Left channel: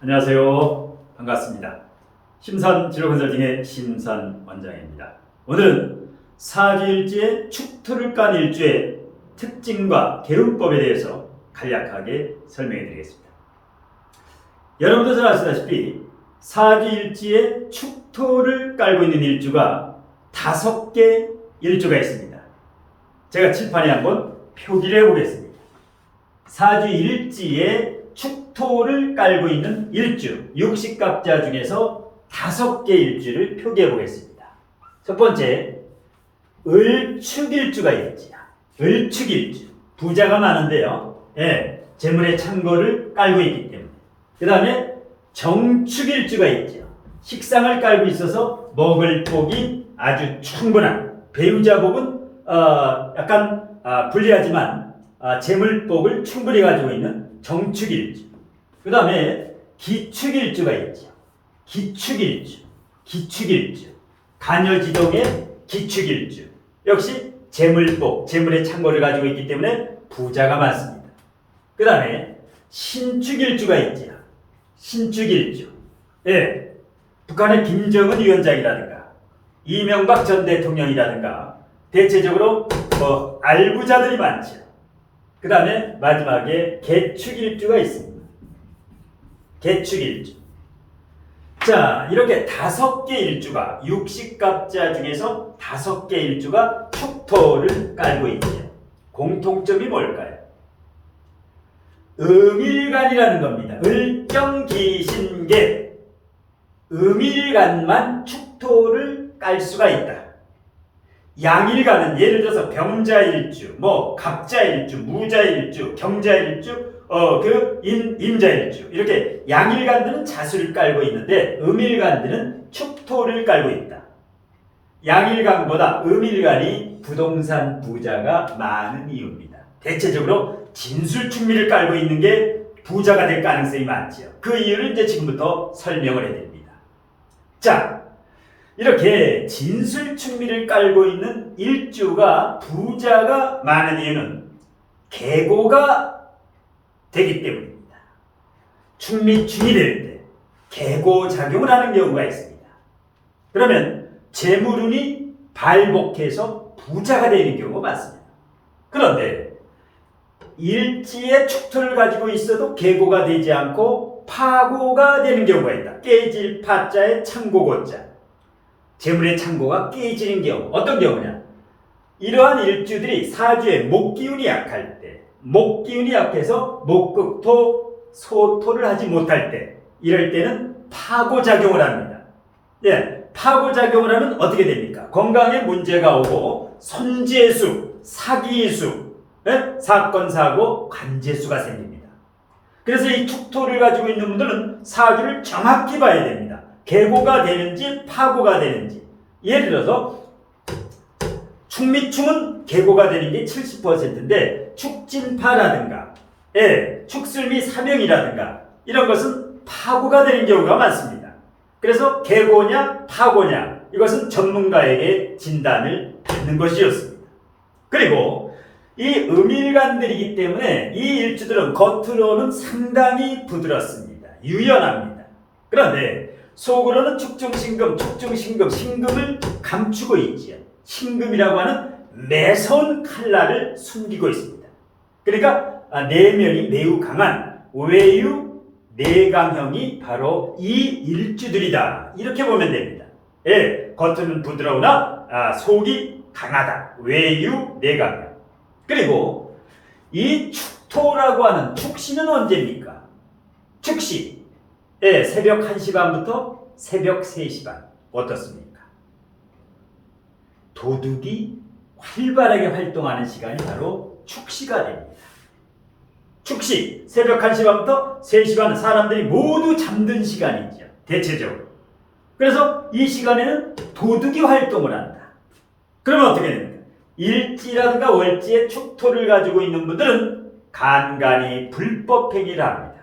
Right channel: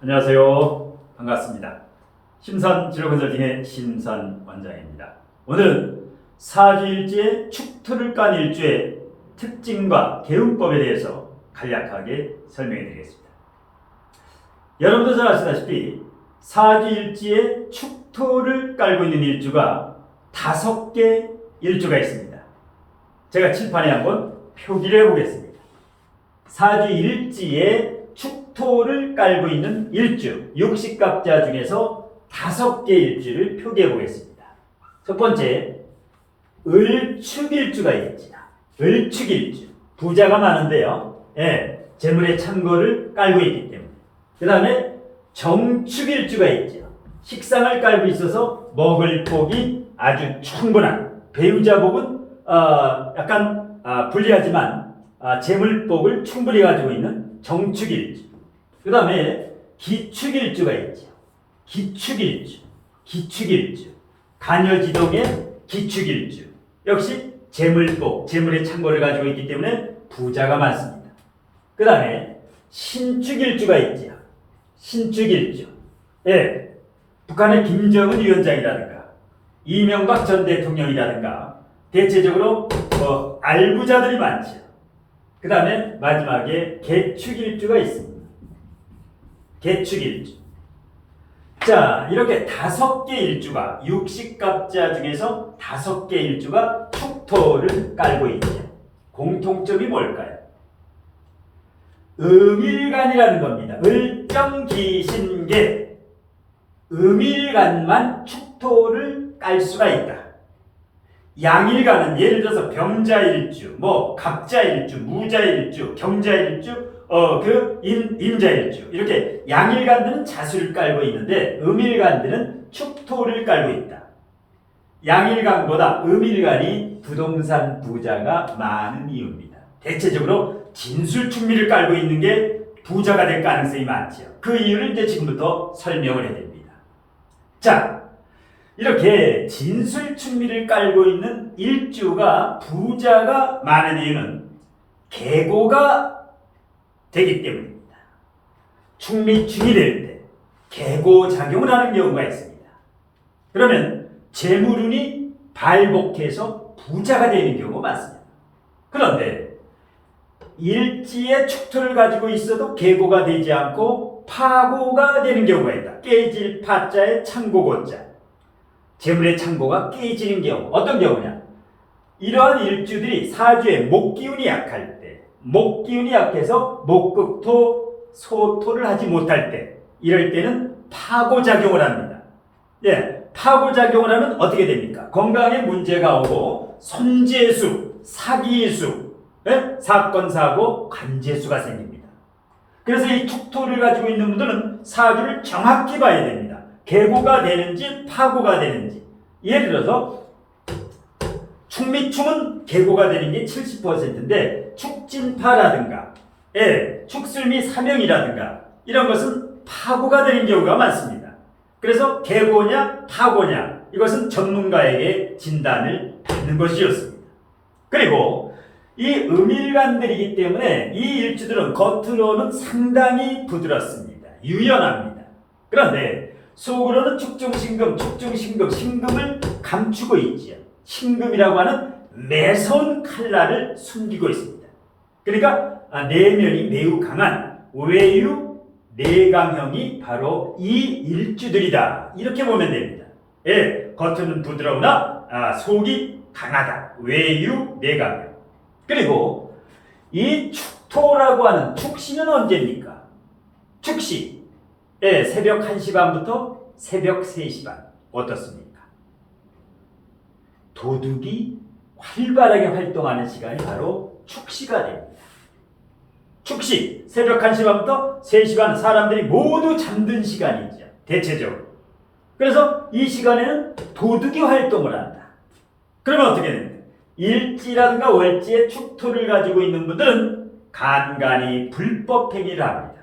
안녕하세요. 반갑습니다. 심산진로컨설팅의 심산 원장입니다. 오늘은 사주일지의 축토를 깐 일주의 특징과 개운법에 대해서 간략하게 설명해 드리겠습니다. 여러분도 잘 아시다시피 사주일지의 축토를 깔고 있는 일주가 5개 일주가 있습니다. 제가 칠판에 한번 표기를 해보겠습니다. 사주일지의 축토를 깔고 있는 일주, 육식갑자 중에서 5개 일주를 표기해 보겠습니다. 첫 번째, 을축일주가 있지요. 을축일주. 부자가 많은데요. 재물의 창고를 깔고 있기 때문에. 그 다음에 정축일주가 있죠. 식상을 깔고 있어서 먹을 복이 아주 충분한, 배우자 복은 약간 불리하지만 재물복을 충분히 가지고 있는 정축일주. 그 다음에 기축일주가 있죠. 기축일주. 간여지동의 기축일주. 역시 재물복, 재물의 창고를 가지고 있기 때문에 부자가 많습니다. 그 다음에 신축일주가 있죠. 신축일주. 북한의 김정은 위원장이라든가 이명박 전 대통령이라든가 대체적으로 알부자들이 많죠. 그 다음에 마지막에 개축일주가 있습니다. 개축일주. 자, 이렇게 5개 일주가, 육식갑자 중에서 5개 일주가 축토를 깔고 있죠. 공통점이 뭘까요? 음일간이라는 겁니다. 을경기신계. 음일간만 축토를 깔 수가 있다. 양일간은 예를 들어서 병자일주, 갑자일주, 무자일주, 경자일주, 임자일주, 이렇게 양일간들은 자수를 깔고 있는데 음일간들은 축토를 깔고 있다. 양일간보다 음일간이 부동산 부자가 많은 이유입니다. 대체적으로 진술축미를 깔고 있는 게 부자가 될 가능성이 많지요. 그 이유를 이제 지금부터 설명을 해드립니다. 자, 이렇게 진술축미를 깔고 있는 일주가 부자가 많은 이유는 계고가 되기 때문입니다. 축미충이 될 때 계고작용을 하는 경우가 있습니다. 그러면 재물운이 발복해서 부자가 되는 경우가 많습니다. 그런데 일지의 축토를 가지고 있어도 계고가 되지 않고 파고가 되는 경우가 있다. 깨질 파자에 창고고자. 재물의 창고가 깨지는 경우. 어떤 경우냐? 이러한 일주들이 사주에 목기운이 약할 때, 목기운이 약해서 목극토, 소토를 하지 못할 때, 이럴 때는 파고작용을 합니다. 파고작용을 하면 어떻게 됩니까? 건강에 문제가 오고 손재수, 사기수, 사건, 사고, 관재수가 생깁니다. 그래서 이 축토를 가지고 있는 분들은 사주를 정확히 봐야 됩니다. 계고가 되는지 파고가 되는지. 예를 들어서 축미충은 계고가 되는 게 70%인데 축진파라든가 축술미 사명이라든가 이런 것은 파고가 되는 경우가 많습니다. 그래서 계고냐 파고냐 이것은 전문가에게 진단을 받는 것이었습니다. 그리고 이 음일간들이기 때문에 이 일주들은 겉으로는 상당히 부드럽습니다. 유연합니다. 그런데 속으로는 축중신금, 신금을 감추고 있지요. 신금이라고 하는 매서운 칼날을 숨기고 있습니다. 그러니까 내면이 매우 강한 외유 내강형이 바로 이 일주들이다. 이렇게 보면 됩니다. 겉은 부드러우나 속이 강하다. 외유 내강형. 그리고 이 축토라고 하는 축시는 언제입니까? 축시. 새벽 1시 반부터 새벽 3시 반. 어떻습니까? 도둑이 활발하게 활동하는 시간이 바로 축시가 됩니다. 축시, 새벽 1시 반부터 3시 반 사람들이 모두 잠든 시간이죠. 대체적으로. 그래서 이 시간에는 도둑이 활동을 한다. 그러면 어떻게 됩니까? 일지라든가 월지의 축토를 가지고 있는 분들은 간간히 불법 행위를 합니다.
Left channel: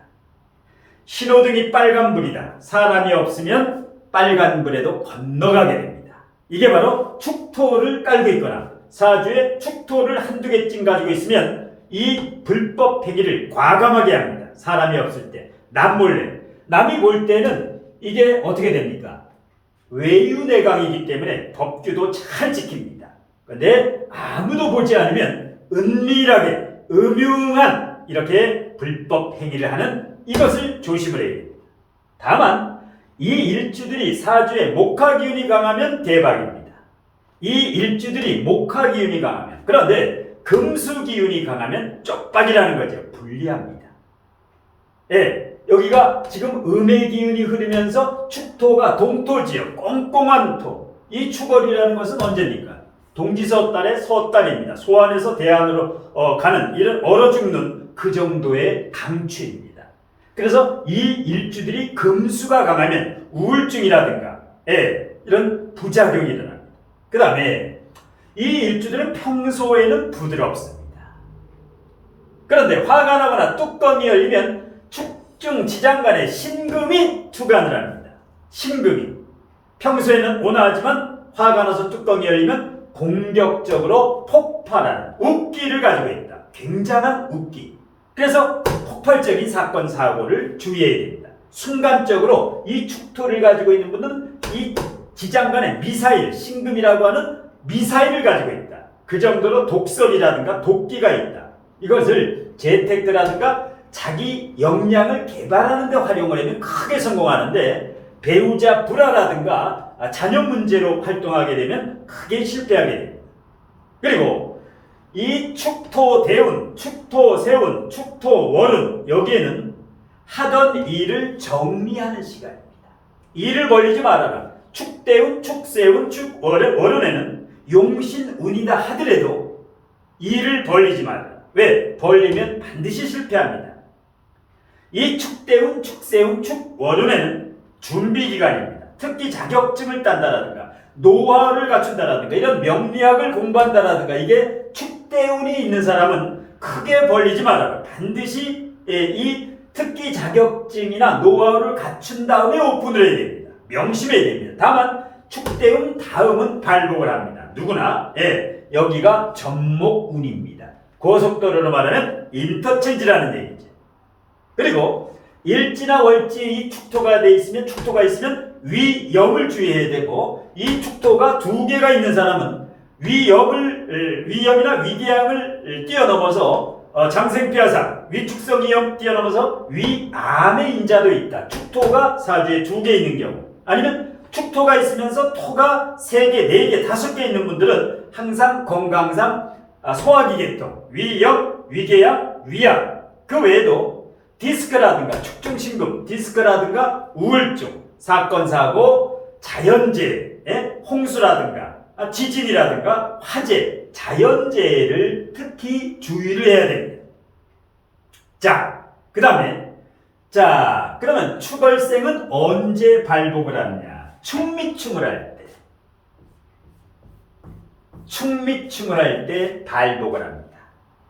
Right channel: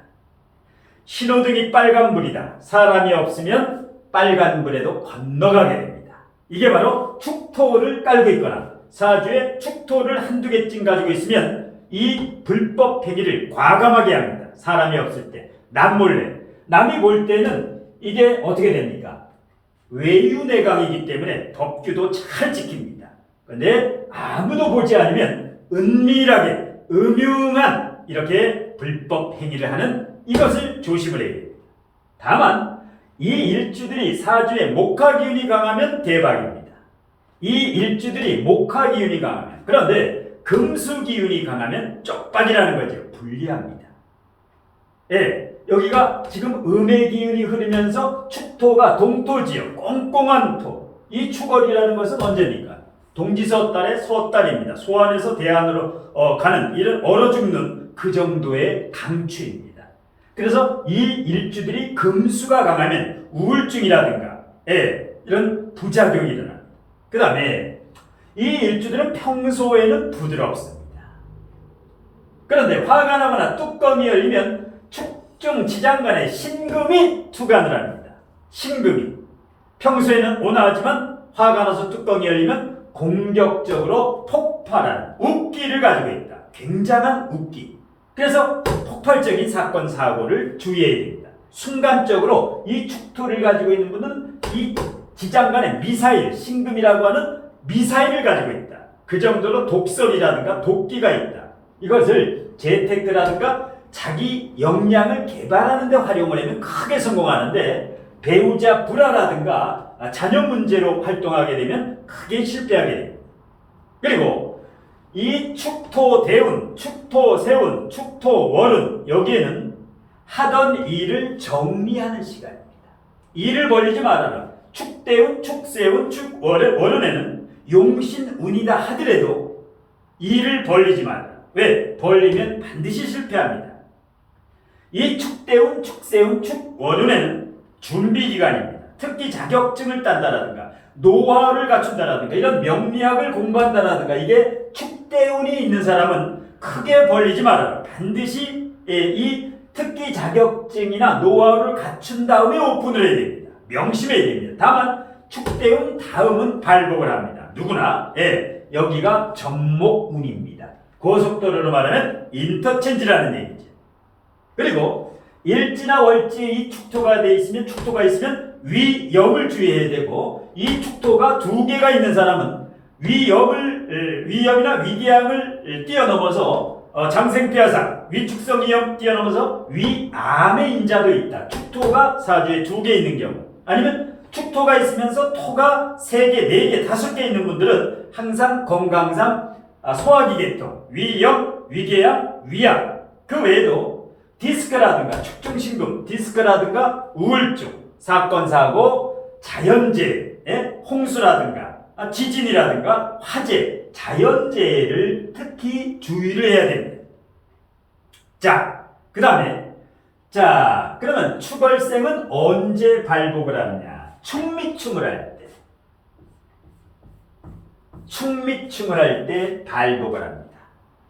신호등이 빨간불이다. 사람이 없으면 빨간불에도 건너가게 됩니다. 이게 바로 축토를 깔고 있거나 사주에 축토를 한두 개쯤 가지고 있으면 이 불법 행위를 과감하게 합니다. 사람이 없을 때 남몰래 남이 볼 때는 이게 어떻게 됩니까? 외유내강이기 때문에 법규도 잘 지킵니다. 그런데 아무도 보지 않으면 은밀하게 음흉한 이렇게 불법 행위를 하는 이것을 조심을 해야 됩니다. 다만 이 일주들이 사주에 목화기운이 강하면 대박입니다. 이 일주들이 목화기운이 강하면, 그런데 금수기운이 강하면 쪽박이라는 거죠. 불리합니다. 예, 여기가 지금 음의 기운이 흐르면서 축토가 동토지역, 꽁꽁한 토. 이 축월이라는 것은 언제입니까? 동지서 달의 서달입니다. 소안에서 대안으로 가는 이런 얼어 죽는 그 정도의 강추입니다. 그래서 이 일주들이 금수가 강하면 우울증이라든가 이런 부작용이 일어납니다. 그 다음에 이 일주들은 평소에는 부드럽습니다. 그런데 화가 나거나 뚜껑이 열리면 축중 지장간에 신금이 투간을 합니다. 신금이 평소에는 온화하지만 화가 나서 뚜껑이 열리면 공격적으로 폭발하는 웃기를 가지고 있다. 굉장한 웃기. 그래서 폭발적인 사건 사고를 주의해야 됩니다. 순간적으로 이 축토를 가지고 있는 분은 이 지장간에 미사일, 신금이라고 하는 미사일을 가지고 있다. 그 정도로 독설이라든가 독기가 있다. 이것을 재테크라든가 자기 역량을 개발하는 데 활용을 하면 크게 성공하는데, 배우자 불화라든가 자녀 문제로 활동하게 되면 크게 실패하게 됩니다. 그리고 이 축토 대운, 축토 세운, 축토 월운, 여기에는 하던 일을 정리하는 시간입니다. 일을 벌리지 말아라. 축대운, 축세운, 축월운에는 용신운이다 하더라도 일을 벌리지 말아라. 왜? 벌리면 반드시 실패합니다. 이 축대운, 축세운, 축월운에는 준비기간입니다. 특히 자격증을 딴다라든가 노하우를 갖춘다라든가 이런 명리학을 공부한다라든가, 이게 축대운이 있는 사람은 크게 벌리지 말아라. 반드시 이 특기 자격증이나 노하우를 갖춘 다음에 오픈을 해야 됩니다. 명심해야 됩니다. 다만 축대운 다음은 발복을 합니다. 누구나. 여기가 전목운입니다. 고속도로로 말하면 인터체인지라는 얘기죠. 그리고 일지나 월지에 이 축토가 돼 있으면, 축토가 있으면 위염을 주의해야 되고, 이 축토가 두 개가 있는 사람은 위염이나 위궤양을 뛰어넘어서 장생피하상, 위축성이염 뛰어넘어서 위암의 인자도 있다. 축토가 사주에 두 개 있는 경우, 아니면 축토가 있으면서 토가 3개, 4개, 5개 있는 분들은 항상 건강상 소화기계통, 위염, 위궤양, 위암, 그 외에도 디스크라든가 축중신금, 디스크라든가 우울증, 사건, 사고, 자연재해, 홍수라든가 지진이라든가 화재, 자연재해를 특히 주의를 해야 됩니다. 자, 그 다음에 그러면 축월생은 언제 발복을 하느냐? 축미충을 할 때. 축미충을 할 때 발복을 합니다.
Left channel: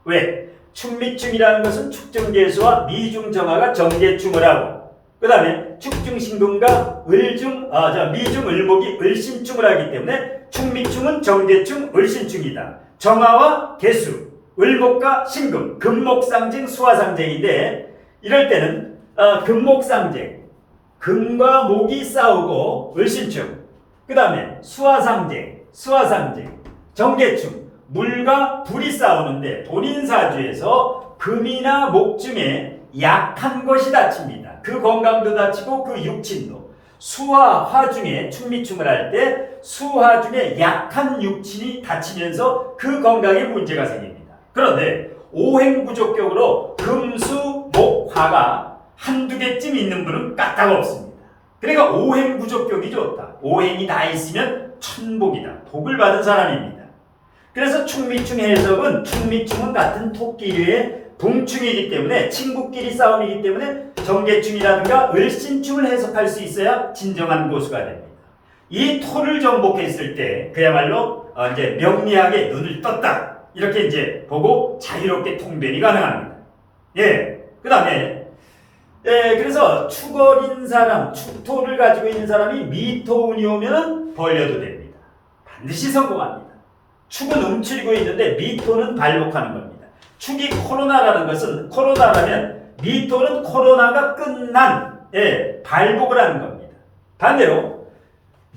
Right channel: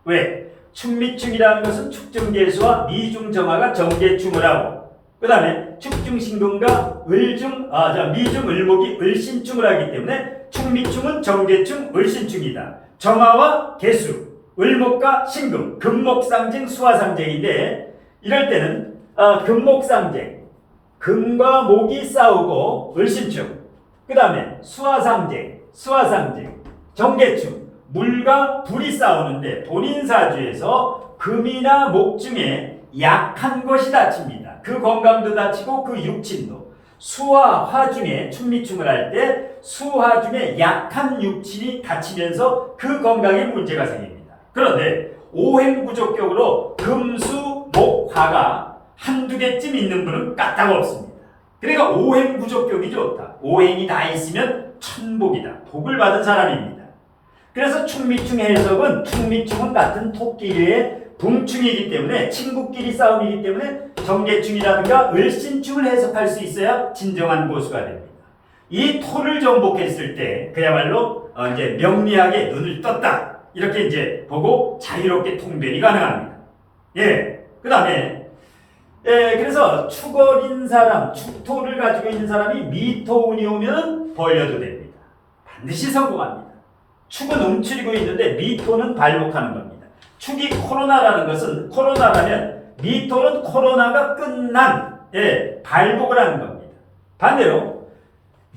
왜? 축미충이라는 것은 축중재수와 미중정화가 정계충을 하고, 그 다음에 축중신금과 미중을목이 을신충을 하기 때문에 축미충은 정계충, 을신충이다. 정화와 개수, 을목과 신금, 금목상쟁, 수화상쟁인데, 이럴 때는 금목상쟁, 금과 목이 싸우고 을신충, 그 다음에 수화상쟁, 정계충, 물과 불이 싸우는데 본인 사주에서 금이나 목 중에 약한 것이 다칩니다. 그 건강도 다치고 그 육친도. 수화, 화 중에 축미충을 할 때 수화 중에 약한 육친이 다치면서 그 건강에 문제가 생깁니다. 그런데 오행구조격으로 금수, 목, 화가 한두 개쯤 있는 분은 까딱 없습니다. 그러니까 오행구조격이 좋다. 오행이 다 있으면 천복이다. 복을 받은 사람입니다. 그래서 축미충 해석은, 축미충은 같은 토끼류의 동충이기 때문에, 친구끼리 싸움이기 때문에 정계충이라든가 을신충을 해석할 수 있어야 진정한 고수가 됩니다. 이 토를 정복했을 때 그야말로 이제 명리학에 눈을 떴다, 이렇게 이제 보고 자유롭게 통변이 가능합니다. 그 다음에 그래서 축월인 사람, 축토를 가지고 있는 사람이 미토운이 오면 벌려도 됩니다. 반드시 성공합니다. 축은 움츠리고 있는데 미토는 발복하는 겁니다. 축이 코로나라는 것은, 코로나라면 미토는 코로나가 끝난 예, 발복을 하는 겁니다. 반대로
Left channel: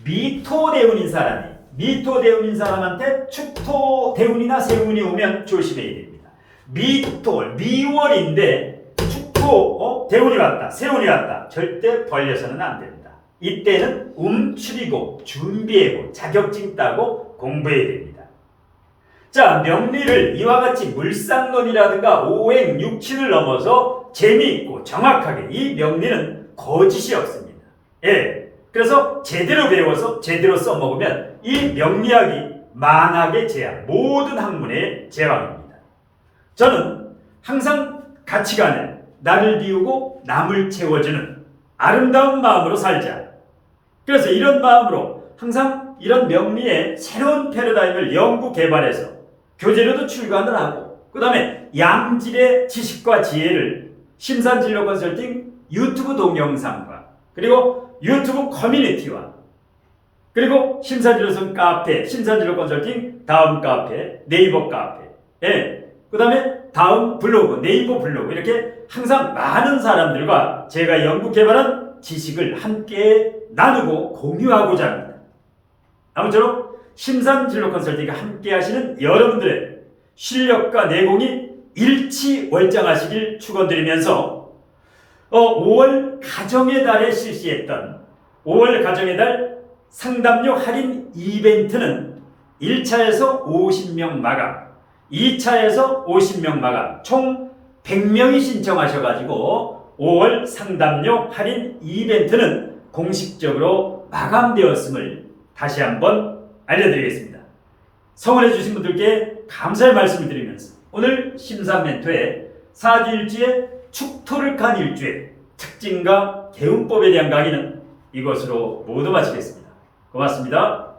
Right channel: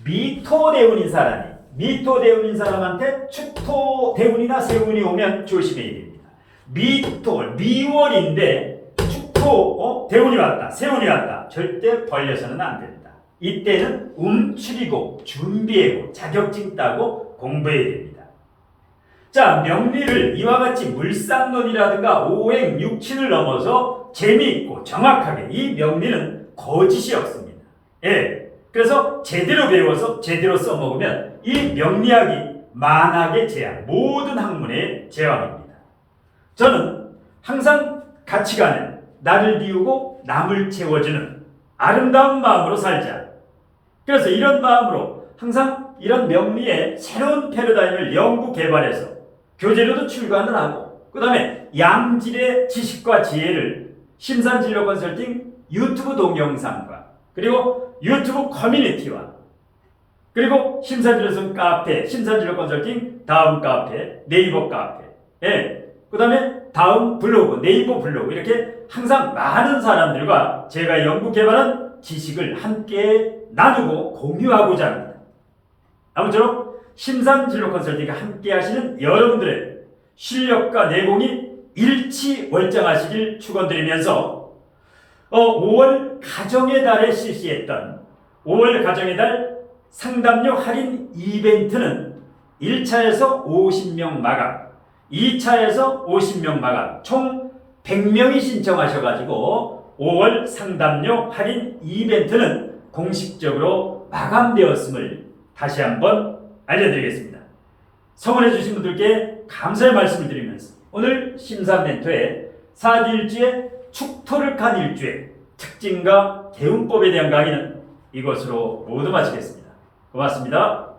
미토대운인 사람한테 축토대운이나 세운이 오면 조심해야 됩니다. 미월인데 대운이 왔다, 세운이 왔다. 절대 벌려서는 안 된다. 이때는 움츠리고 준비하고 자격증 따고 공부해야 됩니다. 자, 명리를 이와 같이 물상론이라든가 오행, 육친을 넘어서 재미있고 정확하게, 이 명리는 거짓이 없습니다. 예, 그래서 제대로 배워서 제대로 써먹으면 이 명리학이 만학의 제왕, 모든 학문의 제왕입니다. 저는 항상 가치관을 나를 비우고 남을 채워주는 아름다운 마음으로 살자. 그래서 이런 마음으로 항상 이런 명리의 새로운 패러다임을 연구 개발해서 교재로도 출간을 하고, 그 다음에 양질의 지식과 지혜를 심산진로 컨설팅 유튜브 동영상과 그리고 유튜브 커뮤니티와 그리고 심산진로선 카페, 심산진로 컨설팅 다음 카페, 네이버 카페, 예, 그 다음에 다음 블로그, 네이버 블로그, 이렇게 항상 많은 사람들과 제가 연구 개발한 지식을 함께 나누고 공유하고자 합니다. 아무쪼록 심산진로 컨설팅과 함께 하시는 여러분들의 실력과 내공이 일치월장하시길 축원드리면서 5월 가정의 달에 실시했던 5월 가정의 달 상담료 할인 이벤트는 1차에서 50명 마감, 2차에서 50명 마감, 총 100명이 신청하셔가지고 5월 상담료 할인 이벤트는 공식적으로 마감되었음을 다시 한번 알려드리겠습니다. 성원해 주신 분들께 감사의 말씀을 드리면서 오늘 심산멘토의 사기일주의 축토를 간 일주의 특징과 개운법에 대한 강의는 이것으로 모두 마치겠습니다. 고맙습니다.